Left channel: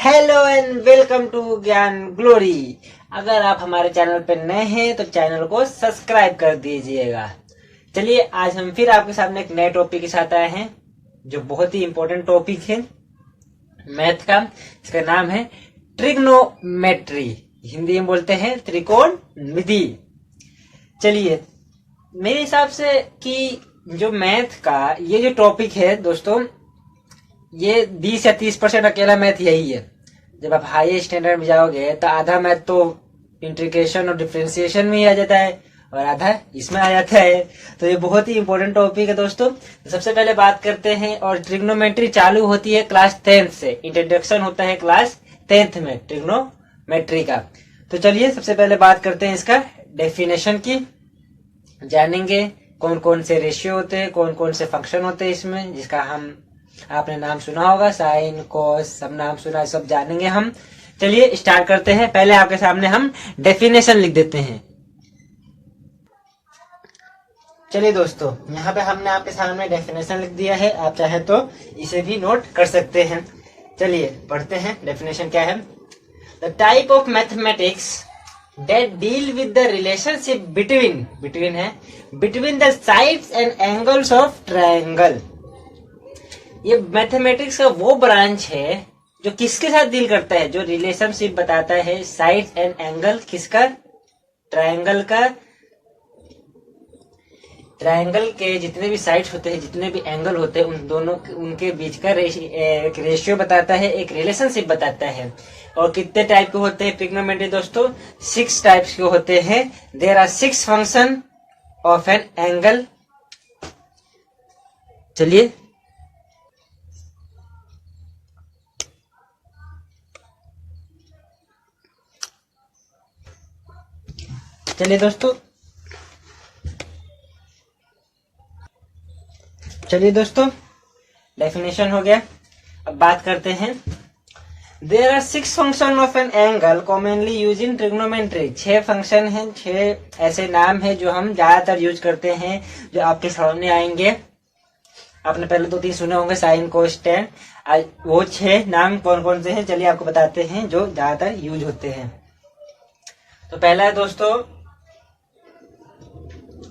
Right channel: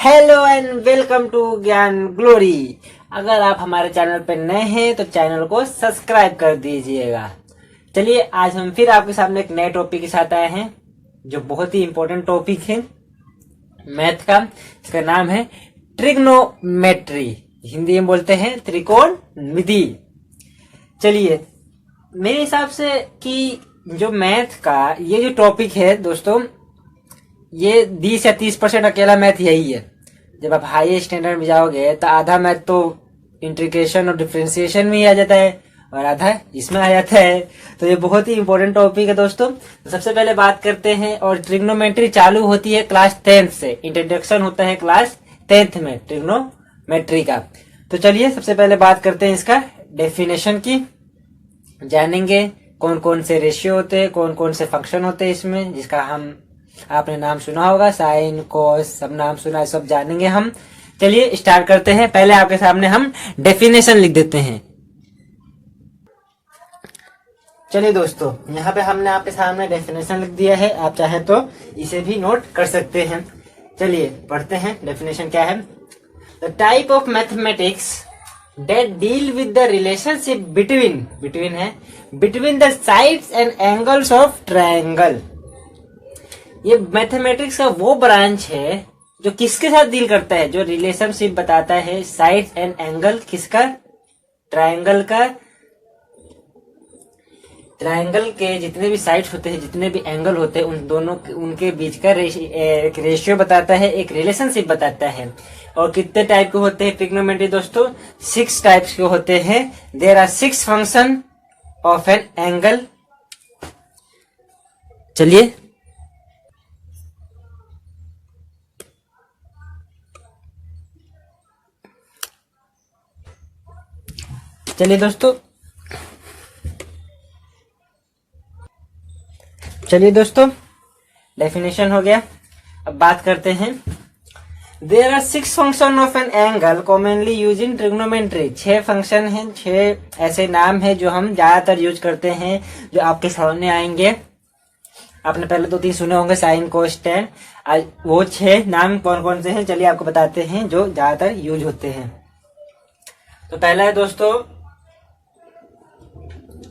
Hello and welcome to ज्ञान glory. अगर आप हमारे चैनल पर नए हैं तो चैनल को सब्सक्राइब कर दीजिएगा। चलिए आज हम फिर आपके सामने एक नए टॉपिक के साथ आए हैं जो बहुत ही इंपॉर्टेंट टॉपिक है मैथ का। इसका नाम है ट्रिग्नोमेट्री, हिंदी में बोलते हैं त्रिकोणमिति। चलिए मेरे हिसाब से कि जो मैथ का ये जो टॉपिक है दोस्तों, ये 20 या 30% अकेला मैथ यही है। जब आप हाई स्टैंडर्ड में जाओगे तो आधा मैथ तो इंटीग्रेशन और डिफरेंशिएशन में ही आ जाता है और आधा इसमें आ जाता है। तो ये बहुत ही इंपॉर्टेंट टॉपिक है दोस्तों। तो सबसे पहले बात करते हैं, और ट्रिग्नोमेट्री चालू होती है क्लास 10th से। इंट्रोडक्शन होता है क्लास 10th में ट्रिग्नोमेट्री का। तो चलिए सबसे पहले बात करते हैं इसका डेफिनेशन की। जानेंगे कौन कौन से रेशियो होते हैं, कौन कौन से फंक्शन होते हैं इसमें, जिसका हम आपने नाम सुना होगा, साइन कॉस, सब नाम सुना है, सब जानेंगे हम। चलिए स्टार्ट करते हैं। पहले आपके सामने हम डेफिनेशन लिख देते हैं। चलिए दोस्तों, यहाँ पे हमने आपके सामने डेफिनेशन लिख दिया है। आप चाहे तो इसे भी नोट कर सकते हैं। चलिए पढ़ते हैं डेफिनेशन क्या है। The type of mathematics that deal with the relationship between the sides and angles of triangle। ये मैथमेटिक्स का वो ब्रांच है जो किसके साथ डील करता है, जो रिलेशनशिप बताता है साइड एंड एंगल किसका, ट्रायंगल का। ट्रायंगल के जितने भी साइड्स होते हैं, जितने भी एंगल होते हैं, उन दोनों उनके बीच का एक रेशियो बताता है, एक रिलेशनशिप बताता है। और कितने टाइप के होते हैं ट्रिग्नोमेट्री दोस्तों? 6 टाइप्स के होते हैं। There are 6 function of an angle. चलिए दोस्तों डेफिनेशन हो गया। अब बात करते हैं। There are 6 function of an angle commonly use in trigonometry. 6 function हैं, 6 ऐसे नाम हैं जो हम ज्यादातर यूज करते हैं, जो आपके सामने आएंगे। आपने पहले 2-3 सुने होंगे, साइन कोस टेन। आज वो 6 नाम कौन कौन से हैं चलिए आपको बताते हैं जो ज्यादातर यूज होते हैं। तो पहला है दोस्तों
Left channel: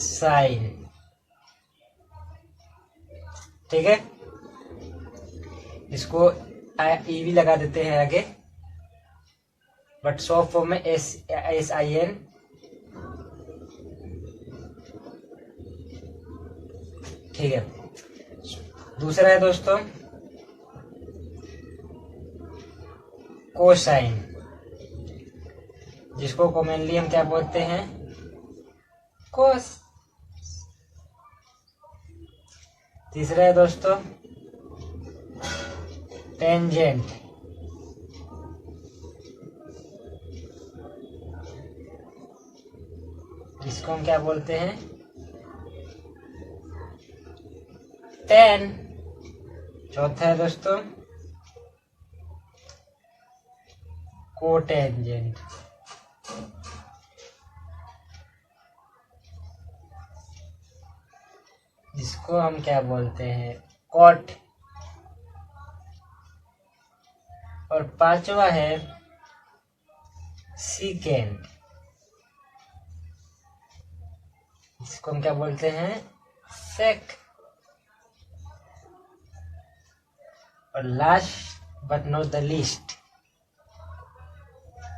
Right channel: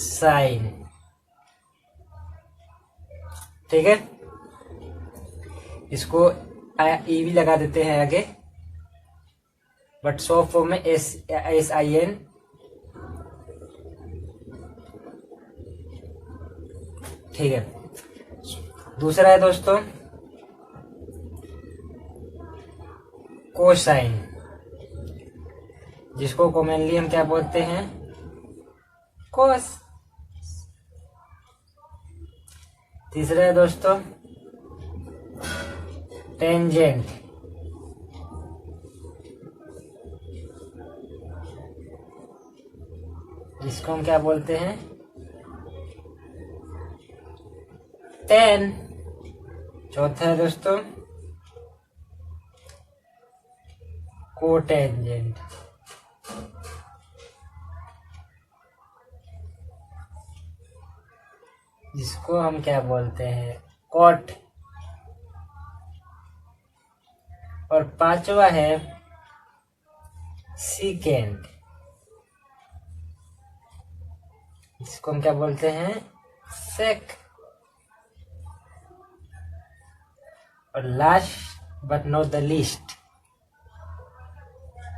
साइन, ठीक है। इसको ई भी लगा देते हैं आगे, बट शॉर्ट फॉर्म में SIN। ठीक है। दूसरा है दोस्तों कोसाइन, जिसको कॉमनली हम क्या बोलते हैं, कोस। तीसरा है दोस्तों टेंजेंट, जिसको हम क्या बोलते हैं, टेन। चौथा है दोस्तों कोटेंजेंट, जिसको हम क्या बोलते हैं, कॉट। और पांचवा है सीकेंट, इसको हम क्या बोलते हैं, सेक। और last but not the least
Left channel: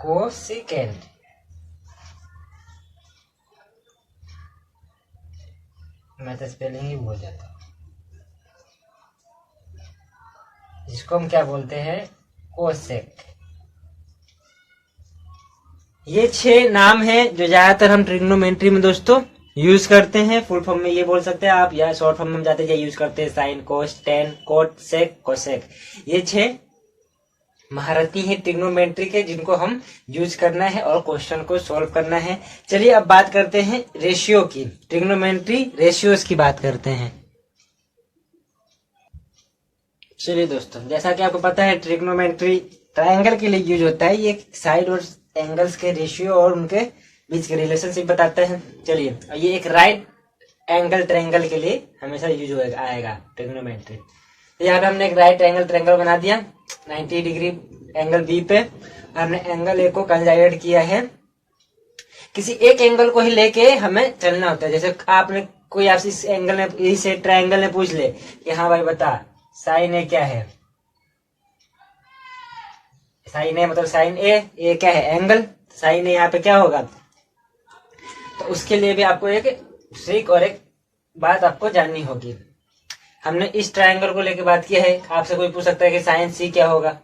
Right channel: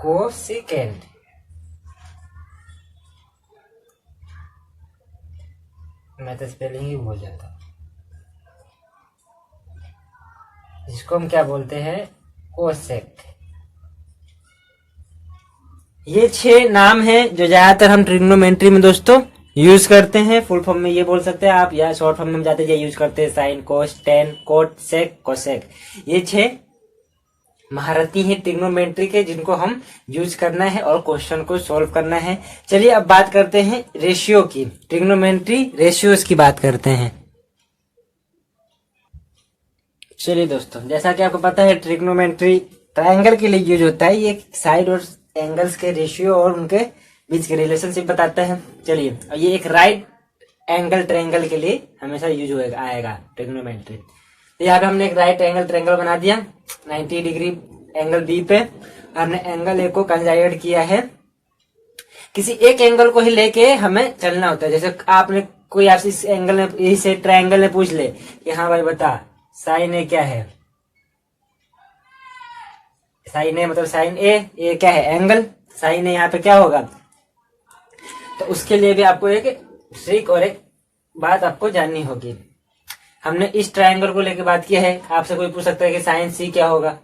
cosecant. मैं तो स्पेलिंग ही भूल जाता, जिसको हम क्या बोलते हैं, कोसेक। ये 6 नाम हैं जो ज्यादातर हम ट्रिग्नोमेट्री में दोस्तों यूज करते हैं। फुल फॉर्म में ये बोल सकते हैं आप, या शॉर्ट फॉर्म में जाते ये यूज करते हैं, sine cos tan cot sec cosec. ये 6 महारथी हैं ट्रिग्नोमेट्री के, जिनको हम यूज करना है और क्वेश्चन को सॉल्व करना है। चलिए अब बात करते हैं रेशियो की। ट्रिग्नोमेट्री रेशियोज की बात करते हैं। चलिए दोस्तों, जैसा कि आपको पता है ट्रिग्नोमेट्री ट्रायंगल के लिए यूज होता है। ये साइड और एंगल्स के रेशियो और उनके बीच के रिलेशनशिप बताते हैं। चलिए, ये एक राइट एंगल ट्रायंगल के लिए हमेशा यूज आएगा ट्रिग्नोमेट्री। तो यहाँ पे हमने एक राइट एंगल ट्रायंगल बना दिया 90 डिग्री एंगल बी पे। हमने एंगल ए को कंसाइडर किया है। किसी एक एंगल को ही लेके हमें चलना होता है। जैसे आपने कोई आपसे इस एंगल में, इस ट्रायंगल में पूछ ले कि हाँ भाई बता साइन ए क्या है, साइन ए मतलब साइन ए क्या है एंगल, साइन ए यहाँ पे क्या होगा। तो उसके लिए भी आपको एक ट्रिक और एक बात आपको जाननी होगी। हमने इस ट्रायंगल को लेके बात किया है। आपसे कोई पूछ सकता है कि साइन सी क्या होगा,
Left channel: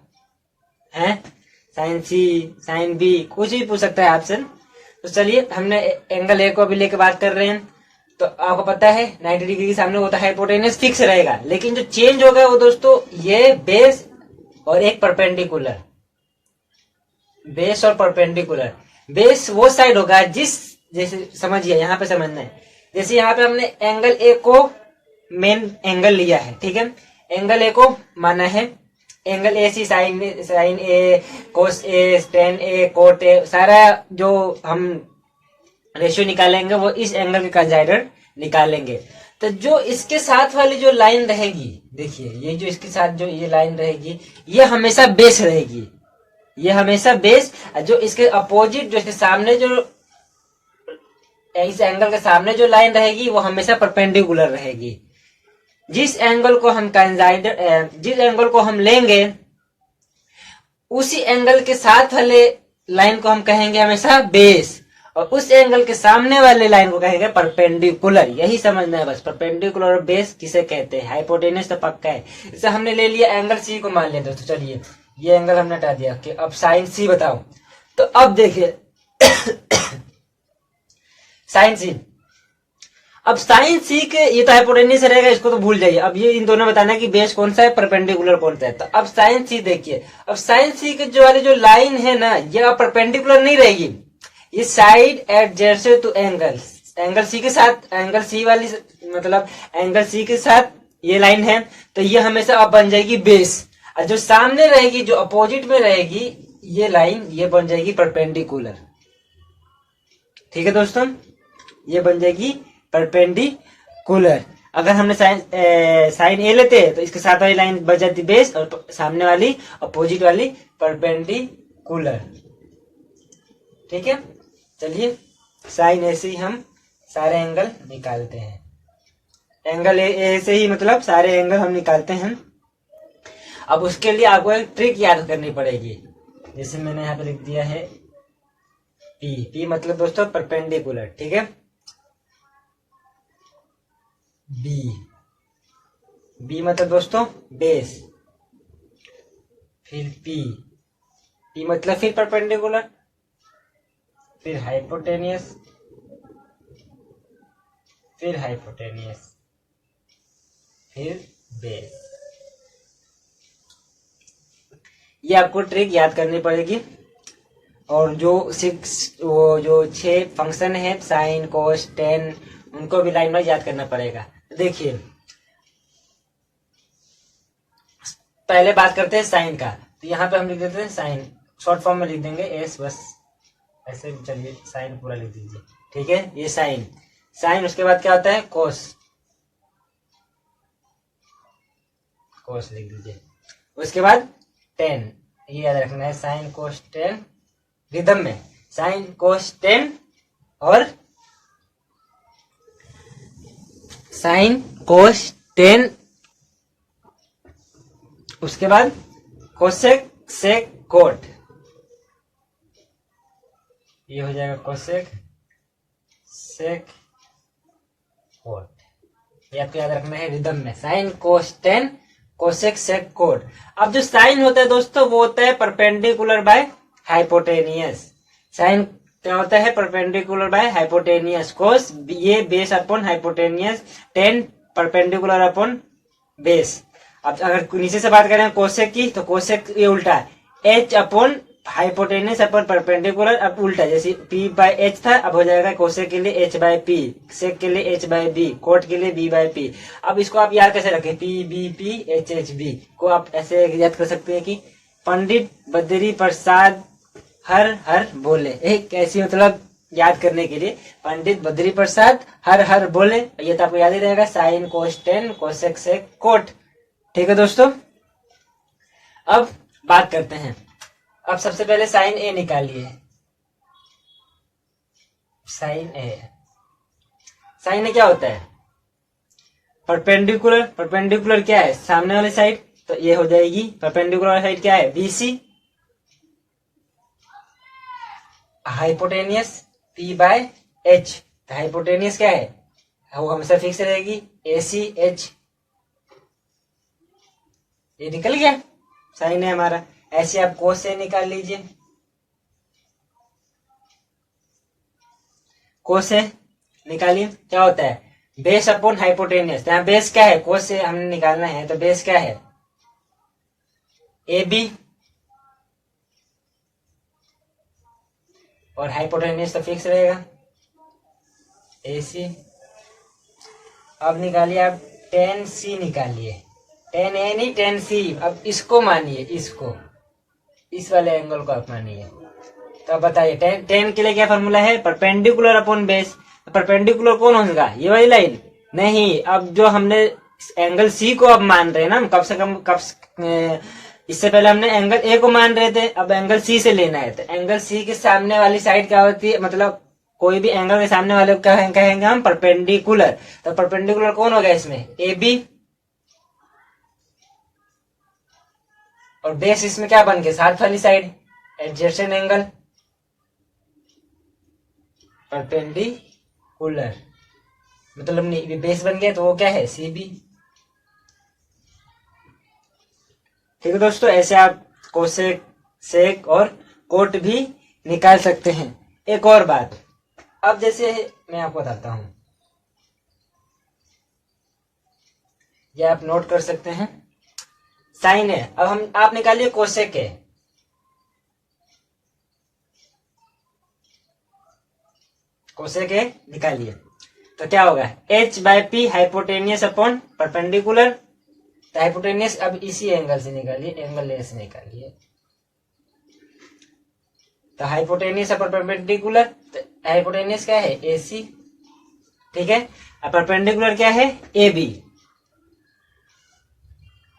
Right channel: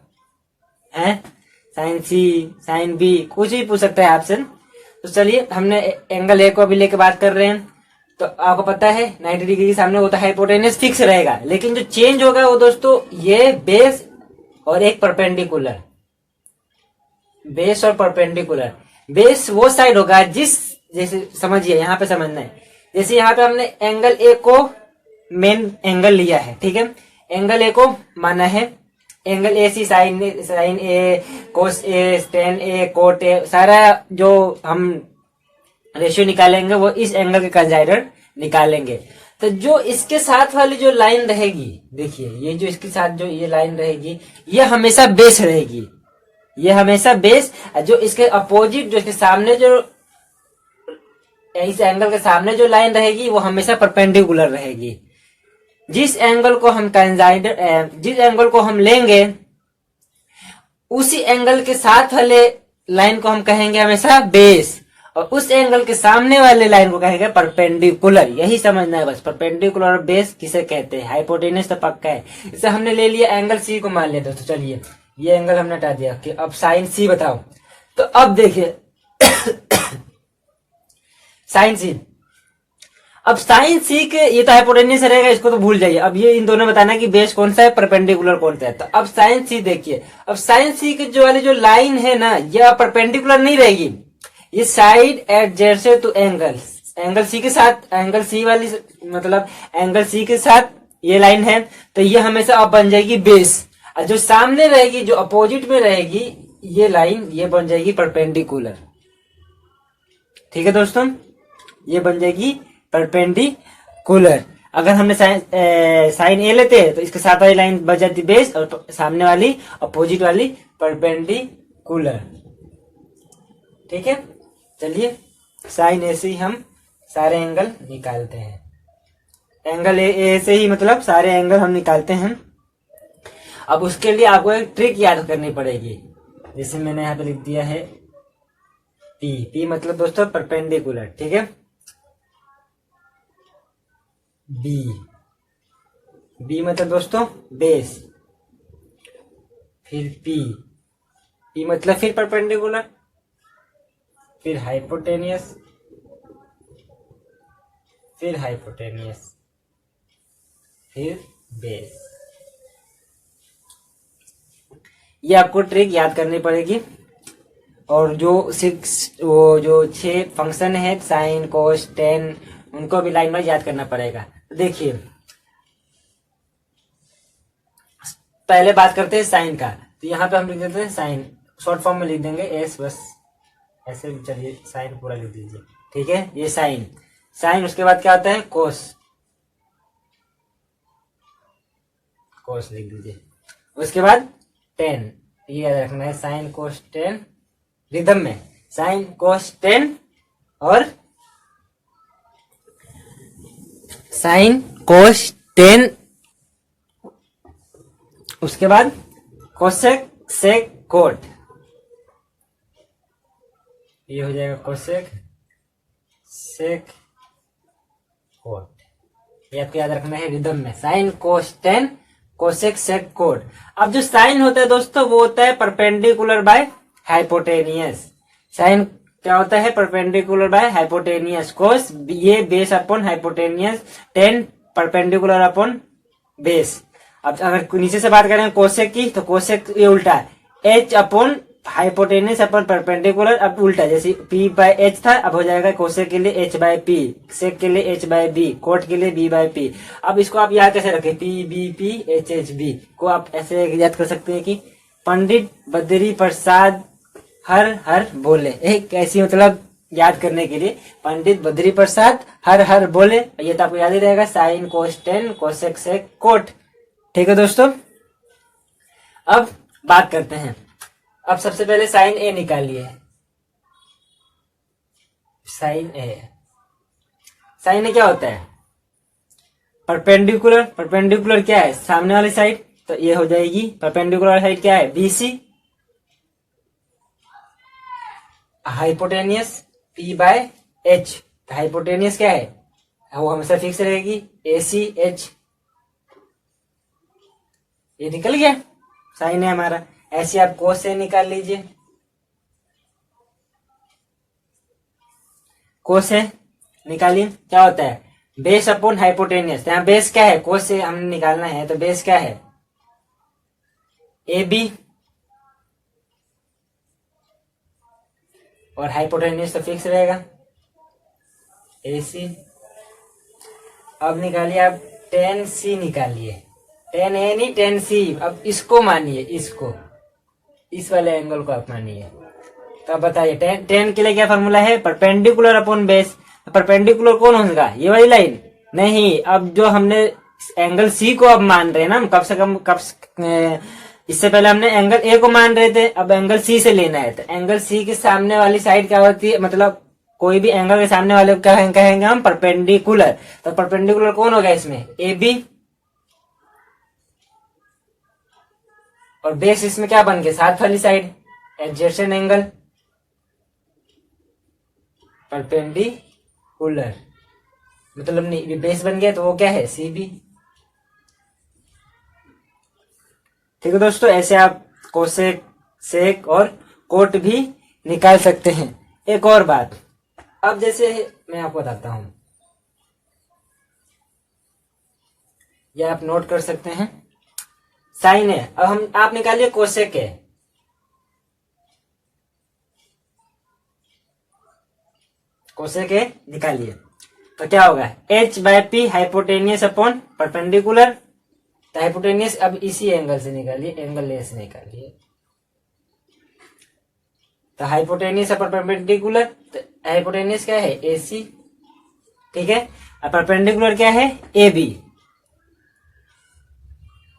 है साइन सी, साइन बी, कुछ भी पूछ सकता है आपसे। तो चलिए हमने एंगल ए को भी लेके बात कर रहे हैं। तो आपको पता है 90 डिग्री के सामने होता है हाइपोटेनस फिक्स रहेगा, लेकिन जो चेंज होगा वो दोस्तों ये बेस और एक परपेंडिकुलर, बेस और परपेंडिकुलर। बेस वो साइड होगा जिस, जैसे समझिए यहाँ पे समझना है, जैसे यहाँ पे हमने एंगल ए को मेन एंगल लिया है, ठीक है, एंगल ए को माना है angle A C, sine A, cos A, tan A, cot A, सारा जो हम रेशियो निकालेंगे वो इस एंगल के कंसाइडर निकालेंगे। तो जो इसके साथ वाली जो लाइन रहेगी, देखिए ये जो इसके साथ जो ये लाइन रहेगी ये हमेशा बेस रहेगी, ये हमेशा बेस। जो इसके अपोजिट, जो इसके सामने, जो इस एंगल के सामने जो लाइन रहेगी वो हमेशा परपेंडिकुलर रहेगी। जिस एंगल को हम कंसाइडर, जिस एंगल को हम लेंगे उसी एंगल के साथ वाले लाइन को हम कहेंगे हमेशा बेस, और उस एंगल के सामने वाले लाइन को कहेंगे परपेंडिकुलर। यही समझना है बस, परपेंडिकुलर और बेस किसे कहते हैं। हाइपोटेनस तो पक्का है। इसे हमने ले लिया एंगल सी को मान लिया दोस्तों। चलिए ये एंगल हमने हटा दिया कि अब साइन सी बताओ। तो अब देखिए साइन सी, अब साइन सी के, ये तो हाइपोटेनस रहेगा, इसको तो भूल जाइए। अब ये इन दोनों में बताना कि बेस कौन सा है, परपेंडिकुलर कौन सा है। तो अब साइन सी देखिए, अब साइन सी के जो वाली जो लाइन है ना, ये परपेंडिकुलर नहीं रहेगी, ये side adjacent to angle, angle C के साथ, एंगल सी वाली मतलब एंगल सी के साथ ये लाइन है, तो ये हमेशा अब बन जाएगी बेस। और जो सामने रहेगी, जो अपोजिट में रहेगी ये लाइन, ये बन जाएगी परपेंडिकुलर। ठीक है दोस्तों, ये बन जाएगी परपेंडिकुलर। अगर हमने साइन ए लेते हैं तो इसके साथ वाली लाइन बन जाती बेस और सामने वाली अपोजिट वाली परपेंडिकुलर। ठीक है, चलिए साइन ए से ही हम सारे एंगल निकालते हैं। एंगल ए से ही मतलब सारे एंगल हम निकालते हैं। अब उसके लिए आपको एक ट्रिक याद करनी पड़ेगी। जैसे मैंने यहाँ पे लिख दिया है पी, पी मतलब दोस्तों परपेंडिकुलर, ठीक है। बी, बी मतलब दोस्तों बेस, फिर पी, पी मतलब फिर परपेंडिकुलर, फिर हाइपोटेनियस, फिर हाइपोटेनियस, फिर बेस। ये आपको ट्रिक याद करनी पड़ेगी। और जो 6 फंक्शन है साइन कोस टेन, उनको भी लाइन वाइज याद करना पड़ेगा। देखिए पहले बात करते हैं साइन का। तो यहाँ पे हम लिख देते हैं साइन, शॉर्ट फॉर्म में लिख देंगे एस, बस ऐसे। चलिए साइन पूरा लिख दीजिए, ठीक है। ये साइन, साइन उसके बाद क्या होता है कोस, कोस लिख दीजिए। उसके बाद टेन, ये याद रखना है, साइन कोस टेन रिदम में, साइन कोस टेन और साइन कोस टेन। उसके बाद कोसेक सेक कोट, ये हो जाएगा कोसेक सेक कोट। ये आपको याद रखना है रिदम में, sine cos tan cosec sec cot. अब जो साइन होता है दोस्तों वो होता है परपेंडिकुलर बाय हाइपोटेनियस। साइन क्या होता है, परपेंडिकुलर बाय हाइपोटेनियस। कोस ये base upon hypotenuse, tan perpendicular upon base. अब अगर नीचे से बात करें कोसेक की, तो कोसेक ये उल्टा है, H upon hypotenuse upon perpendicular. अब उल्टा, जैसे पी बाय एच था, अब हो जाएगा कोसेक के लिए एच बाय पी, सेक के लिए एच बाय बी, कोट के लिए बी बाय पी। अब इसको आप याद कैसे रखें, P B P H H B को आप ऐसे याद कर सकते हैं कि पंडित बद्री प्रसाद हर हर बोले। एक ऐसी मतलब याद करने के लिए, पंडित बद्री प्रसाद हर हर बोले, ये तो आपको याद ही रहेगा, sine cos tan cosec sec cot. ठीक है दोस्तों, अब बात करते हैं। अब सबसे पहले साइन ए निकालिए। साइन ए, साइन ए क्या होता है? परपेंडिकुलर। परपेंडिकुलर क्या है? सामने वाली साइड, तो ये हो जाएगी परपेंडिकुलर वाली साइड क्या है? BC. Hypotenuse P by H, hypotenuse क्या है? वो हमेशा फिक्स रहेगी, ए सी एच। ये निकल गया, साइन है हमारा। ऐसे आप कोस से निकाल लीजिए। कोस से निकालिए, क्या होता है? Base upon hypotenuse. यहाँ बेस क्या है? कोस से हमने निकालना है, तो बेस क्या है? ए बी, और हाइपोटेनियस तो फिक्स रहेगा, ए सी। अब निकालिए आप टेन सी निकालिए। टेन ए नहीं, टेन सी। अब इसको मानिए, इसको, इस वाले एंगल को आप मानिए। तो अब बताइए टेन के लिए क्या फॉर्मूला है? Perpendicular upon base. परपेंडिकुलर कौन होगा? ये वाली लाइन नहीं। अब जो हमने एंगल सी को अब मान रहे हैं ना, कम से कम इससे पहले हमने एंगल ए को मान रहे थे, अब एंगल सी से लेना है। तो एंगल सी के सामने वाली साइड क्या होती है? मतलब कोई भी एंगल के सामने वाले कहेंगे हम परपेंडिकुलर। तो परपेंडिकुलर कौन होगा इसमें? A B. और बेस इसमें क्या बन गया? साथ वाली साइड, एडजेसेंट एंगल, परपेंडिकुलर। मतलब नहीं, बेस बन गया तो वो क्या है? C B. ठीक है दोस्तों, ऐसे आप कोसेक, सेक और कोट भी निकाल सकते हैं। एक और बात, अब जैसे मैं आपको बताता हूं, ये आप नोट कर सकते हैं। साइन है, अब हम आप निकालिए कोसेक है। कोसेक है निकालिए, तो क्या होगा? H by P hypotenuse upon perpendicular. तो हाइपोटेनियस अब इसी एंगल से निकालिए, एंगल ए से निकालिए। तो हाइपोटेनियस अपॉन परपेंडिकुलर, तो हाइपोटेनियस क्या है? ए सी। ठीक है, अब परपेंडिकुलर क्या है? A B.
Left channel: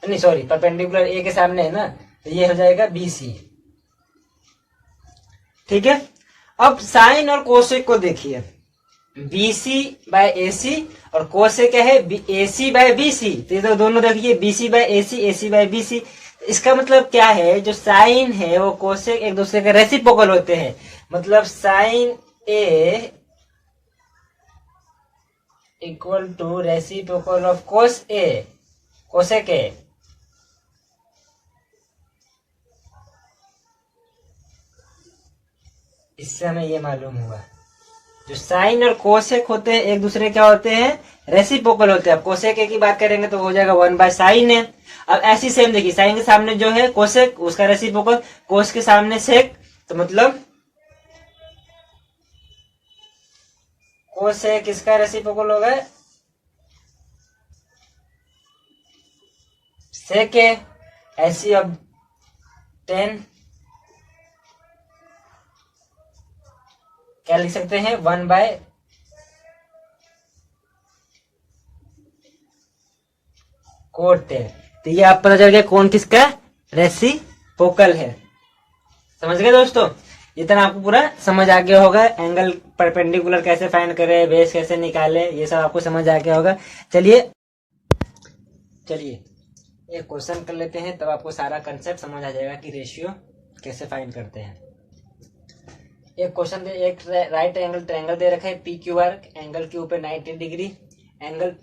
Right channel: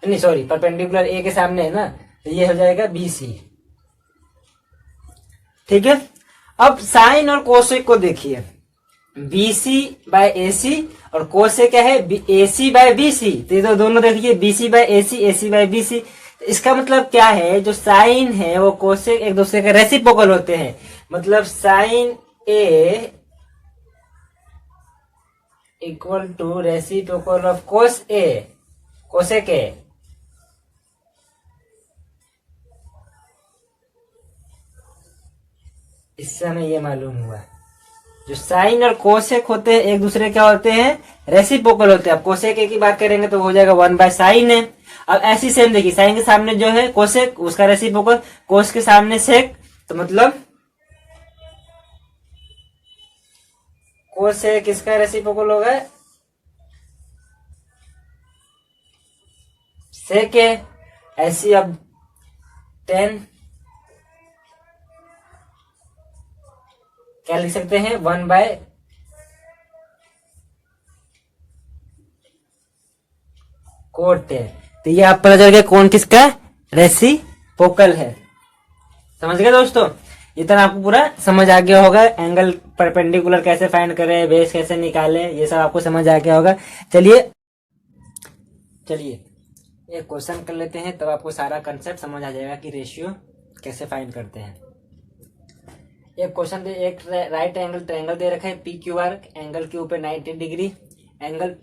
नहीं सॉरी, परपेंडिकुलर ए के सामने है ना, तो ये हो जाएगा बी सी। ठीक है, अब साइन और कोसेक को देखिए। बीसी बाय एसी और कोसेक क्या है? AC by BC. तो ये तो दोनों देखिए, BC by AC, AC by BC. इसका मतलब क्या है? जो साइन है वो कोसेक एक दूसरे के रेसिप्रोकल होते हैं। मतलब sine A equal to reciprocal of cos A, cosec A. इससे हमें ये मालूम हुआ, जो साइन और कोसेक होते हैं एक दूसरे क्या होते हैं? रेसिप्रोकल होते हैं। अब कोसेक ए की बात करेंगे तो हो जाएगा 1/sin है। अब ऐसी सेम देखिए, साइन के सामने जो है कोसेक, उसका रेसिप्रोकल, कोस के सामने सेक, तो मतलब कोसेक इसका रेसिप्रोकल होगा सेक है। ऐसी अब 10 क्या लिख सकते हैं? 1/, कोट है। तो ये आप पता चल गया कौन किसका रेसिप्रोकल है। समझ गए दोस्तों? इतना आपको पूरा समझ आ गया होगा। एंगल परपेंडिकुलर कैसे फाइंड करें, बेस कैसे निकालें, ये सब आपको समझ आ गया होगा। चलिए चलिए एक क्वेश्चन कर लेते हैं, तब आपको सारा कंसेप्ट समझ आ जाएगा कि रेशियो कैसे फाइंड करते हैं। एक क्वेश्चन दे, एक राइट एंगल ट्रायंगल दे रखा है पी क्यू आर, एंगल के ऊपर 90 degree, angle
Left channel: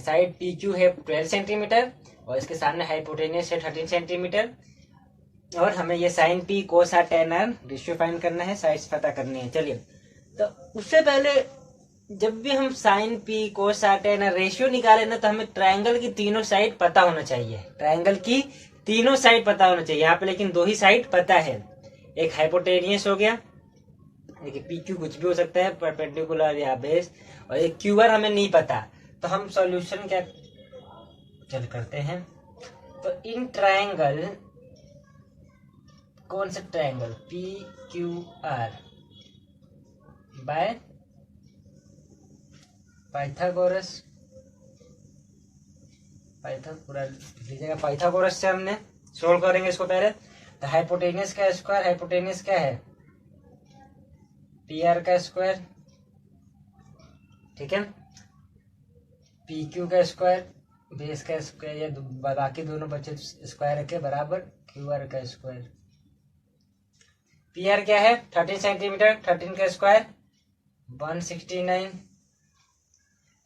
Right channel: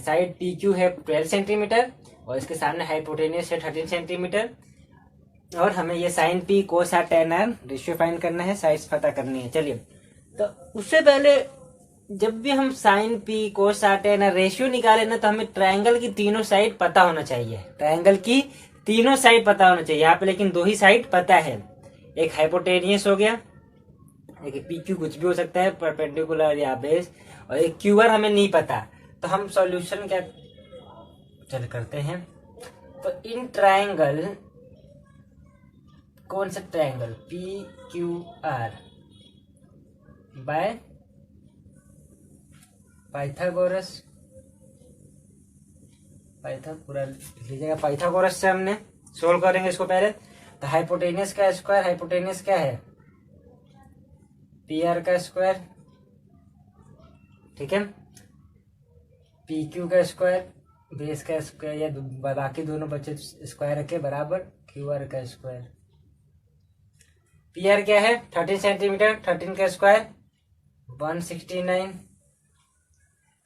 side P Q है 12 सेंटीमीटर और इसके सामने हाइपोटेनियस है 13 सेंटीमीटर। और हमें ये sine P cos R tan R ratio find करना है, साइड्स पता करनी है। चलिए, तो उससे पहले जब भी हम sine P cos R tan R ratio निकाले ना, तो हमें ट्रायंगल की तीनों साइड पता होना चाहिए। ट्रायंगल की तीनों साइड पता होना चाहिए। यहाँ पे लेकिन दो ही साइड पता है, एक हाइपोटेनियस हो गया, एक पी क्यू कुछ भी हो सकता है, परपेंडिकुलर या बेस, और एक क्यू आर हमें नहीं पता। तो हम सॉल्यूशन क्या चल करते हैं, तो इन ट्रायंगल, कौन सा triangle? P Q R by पूरा लीजिएगा। पाइथागोरस से हमने सोल्व करेंगे इसको पहले। तो हाइपोटेनियस का स्क्वायर, हाइपोटेनियस क्या है, पी आर का स्क्वायर, ठीक है, पी क्यू का स्क्वायर, बेस का स्क्वायर, या बाकी दोनों बच्चे स्क्वायर रखे बराबर क्यू आर का स्क्वायर। पी आर क्या है 13 सेंटीमीटर, 13 का स्क्वायर 169।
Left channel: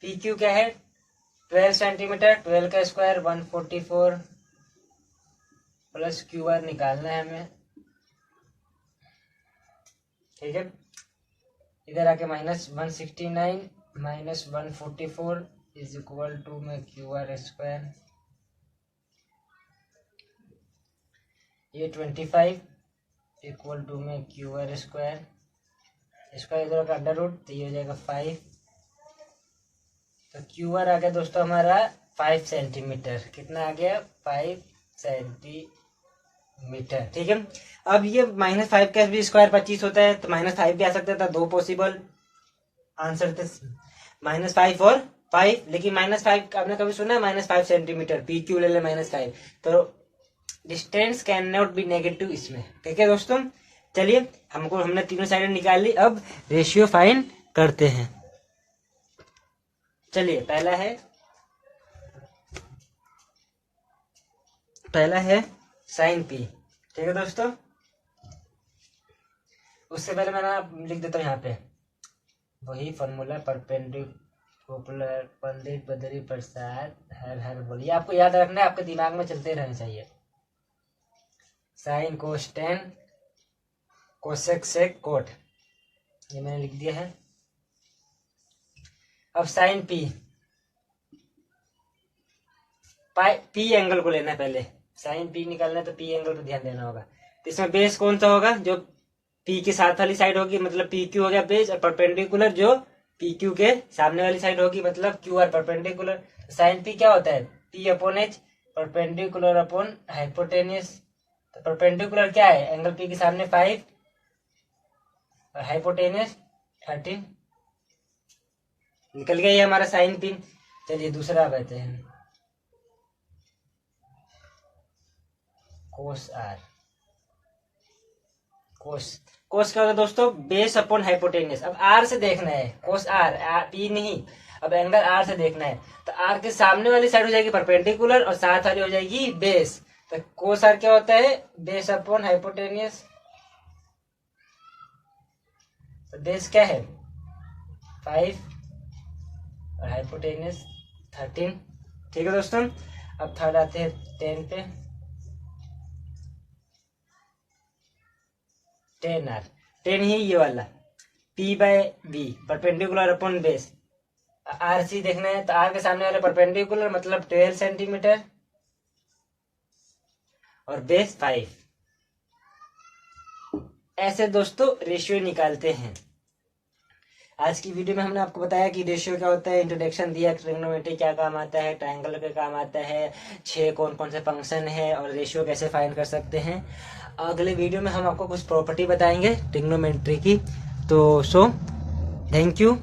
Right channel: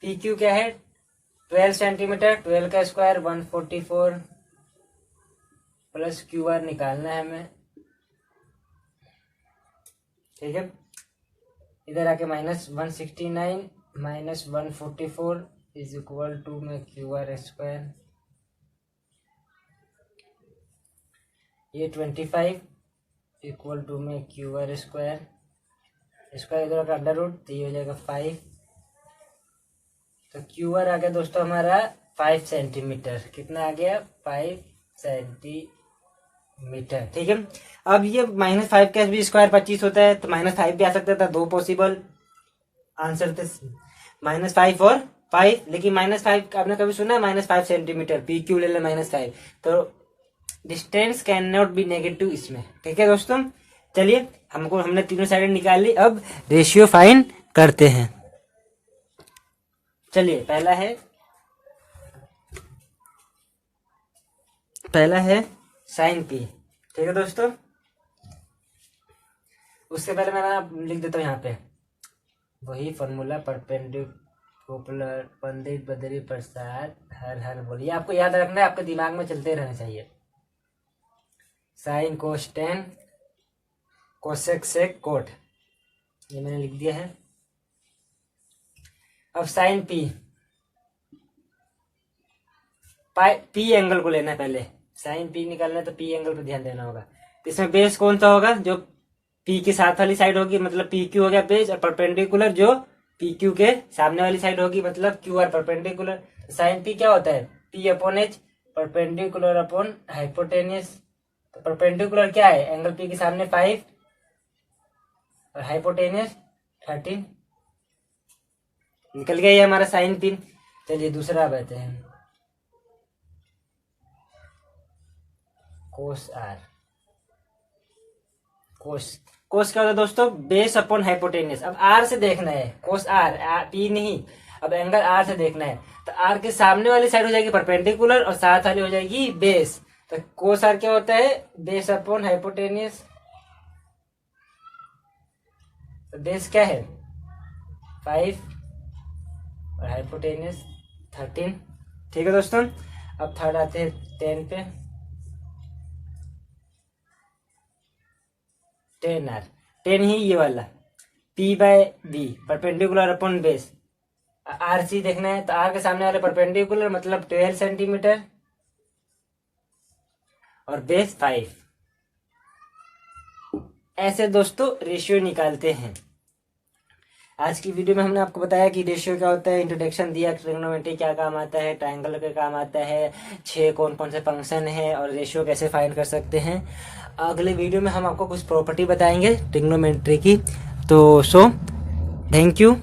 पी क्यू क्या है 12 सेंटीमीटर, 12 का स्क्वायर 144, प्लस क्यू आर निकालना है हमें, ठीक है। इधर आके -169 -144 इज इक्वल टू में क्यू आर स्क्वायर, ये 25 इक्वल टू में क्यू आर स्क्वायर, स्क्वायर इधर का अंडर रूट, तो ये हो जाएगा 5। तो क्यू आर आ गया दोस्तों हमारा 5 सेंटीमीटर। कितना आ गया 5 सेंटीमीटर, ठीक है। अब ये -5 का भी स्क्वायर 25 होता है, तो -5 भी आ सकता था। दो पॉसिबल आंसर थे, -5 और 5। लेकिन -5 आपने कभी सुना है -5 सेंटीमीटर, पी क्यू ले ले -5, तो distance can not be negative इसमें, ठीक है दोस्तों। चलिए हमने तीनों साइड निकाल ली, अब रेशियो फाइंड करते हैं। चलिए पहला है साइन पी, ठीक है दोस्तों। उससे पहले मैं लिख देता हूँ यहाँ पे वही फॉर्मूला, परपेंडिकुलर पंडित बद्री प्रसाद हर बोलिए, आपको याद रखना है, आपके दिमाग में चलते रहना चाहिए। Sine cos tan cosec sec cot, ये मैंने लिख दिया है। अब साइन पी एंगल को लेना है पहले, साइन पी निकालना है तो पी एंगल पे ध्यान देना होगा। तो इसमें बेस कौन सा होगा, जो पी के साथ वाली साइड होगी, मतलब पी क्यू हो गया बेस, और परपेंडिकुलर जो पी क्यू के सामने वाली साइड होगी, मतलब Q R perpendicular. Sine P क्या होता है, P upon H, perpendicular upon hypotenuse. तो परपेंडिकुलर क्या है, एंगल पी के सामने 5 और हाइपोटेनियस 13। निकल गया ये हमारा साइन पी। चलिए दूसरा बताते हैं, कोस आर। कोस क्या होता है दोस्तों, बेस अपॉन हाइपोटेनियस। अब आर से देखना है, कोस आर, पी नहीं, अब एंगल आर से देखना है। तो आर के सामने वाली साइड हो जाएगी परपेंडिकुलर और साथ वाली हो जाएगी बेस। तो कोस आर क्या होता है, बेस अपॉन हाइपोटेनियस। तो बेस क्या है 5 और हाइपोटेनियस 13, ठीक है दोस्तों। अब थर्ड आते हैं 10 पे, 10 आर, 10 ही ये वाला, P by B perpendicular upon base. R C देखना है, तो आर के सामने वाले परपेंडिकुलर मतलब 12 सेंटीमीटर और बेस 5। ऐसे दोस्तों रेशियो निकालते हैं। आज की वीडियो में हमने आपको बताया कि रेशियो क्या होता है, इंट्रोडक्शन दिया, ट्रिग्नोमेट्री क्या काम आता है, ट्रायंगल का काम आता है, 6 कौन कौन से फंक्शन है, और रेशियो कैसे फाइंड कर सकते हैं। अगले वीडियो में हम आपको कुछ प्रॉपर्टी बताएंगे ट्रिग्नोमेट्री की। तो थैंक यू।